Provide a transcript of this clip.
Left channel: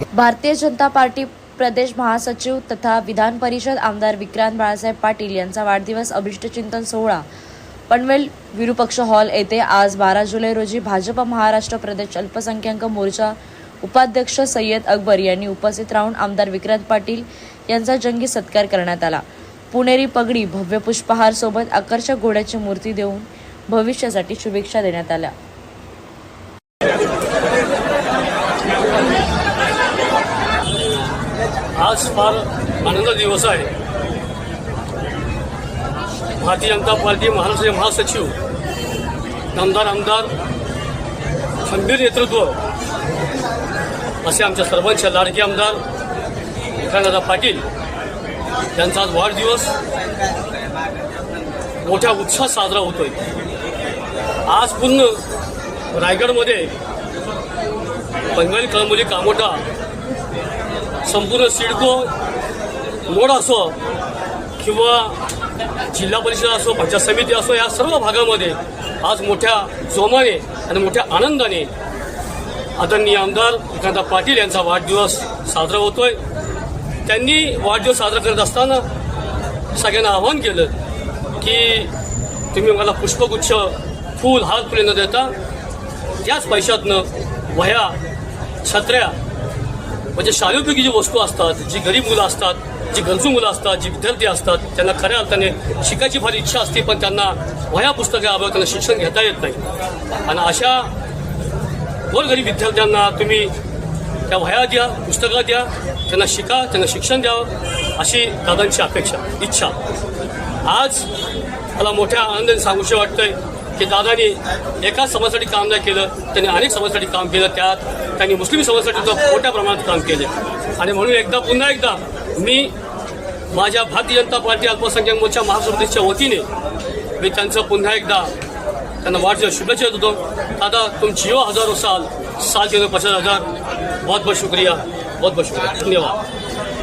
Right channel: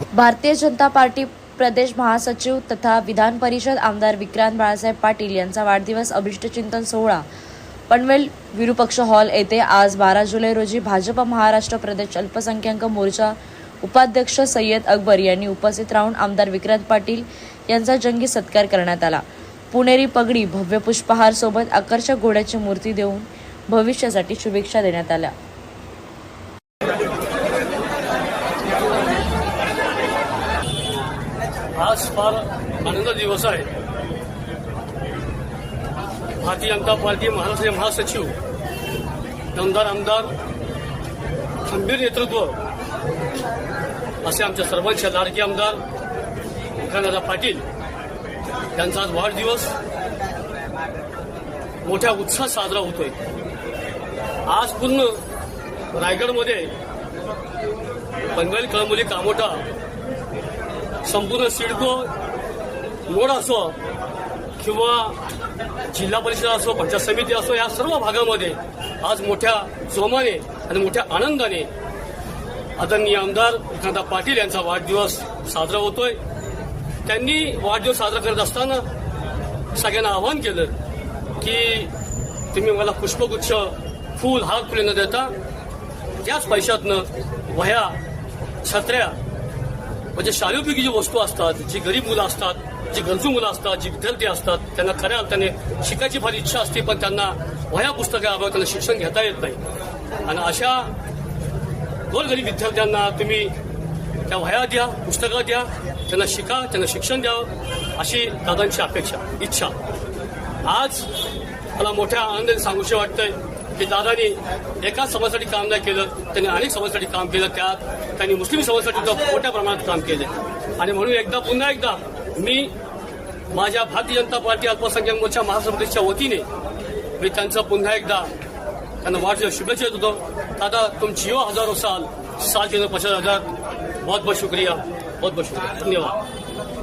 Bharatiya Janata party प्रदेश महासचिव तथा विधान परिषद आमदार विक्रांत बाळासाहेब पाटील यांचा वाढदिवस अभिष्टचिंतन सोहळा पनवेल विरूपक्ष हॉल येथे आज 12 जुलै रोजी भाजप महाराष्ट्र प्रदेश अल्पसंख्याक मोर्चा उपाध्यक्ष सय्यद अकबर यांनी उपस्थित राहून आमदार विक्रांत पाटील यांचा जंगी सत्कार करण्यात आला। पुणेरी पगडी, भव्य पुष्पहार सोबत आकर्षक घोड्याची मूर्ती देऊन भविष्यासाठी शुभेच्छा देण्यात आल्या। आज फार आनंद दिवस आहे। भारतीय जनता पार्टी महाराष्ट्र महासचिव आमदार खंबीर नेतृत्व असे आमच्या सर्वांचे लाडके आमदार विक्रांतदादा पाटील यांचा आज वाढदिवस मोठ्या उत्साहात साजरा होतोय। आज पूर्ण रायगडमध्ये पनवेल, कळंबोली, कामोठा, संपूर्ण सिडको रोड असो किंवा जिल्हा परिषद असो, पंचायत समिती असो, या सर्व भागामध्ये आज मोठ्या जोमाने आणि मोठ्या आनंदाने आदरणीय आमदार विक्रांत पाटील यांचा वाढदिवस साजरा होतोय। त्यांनी वाढदिवस साजरा करत असताना सगळ्यांना आवाहन केलं की तुम्ही मला पुष्पगुच्छ, फूल, हार फुले न देता त्याच पैशातनं वह्या, छत्र्या म्हणजे शालेयोपयोगी जी वस्तू असतात, जी गरीब मुलं असतात, जी गरजू मुलं असतात, जी विद्यार्थी असतात, त्यांना खऱ्या अर्थाने शिकायची फार इच्छा असते पण त्यांना वह्या पुस्तके अभावी त्यांना शिक्षण घेता येत नाही आणि अशा गोरगरीब विद्यार्थ्यांना तुम्ही त्या वह्या द्या, पुस्तकं द्या, त्यांना शिका, त्यांना शिक्षण द्यावं अशी दादांची अपेक्षा, इच्छा। आज मला मोठ्या आनंदाने सांगूशी वाटतंय की दादांनी एकाच समाजासाठी काम नाही केलं, त्यांनी अनेक समाजासाठी काम केलं। त्यात त्यांनी मुस्लिम समाजासाठी मोठ्या प्रमाणात काम केलं आणि म्हणून पुन्हा एकदा मी माझ्या भारतीय जनता पार्टी अल्पसंख्याक मोर्चा महाराष्ट्र प्रदेशच्या वतीने मी त्यांचा पुन्हा एकदा त्यांना वाढदिवस शुभेच्छा देतो। दादा, तुम जियो हजारों साल, साल के 50,000। बहुत बहुत शुक्रिया, बहुत बहुत शुक्रिया, धन्यवाद।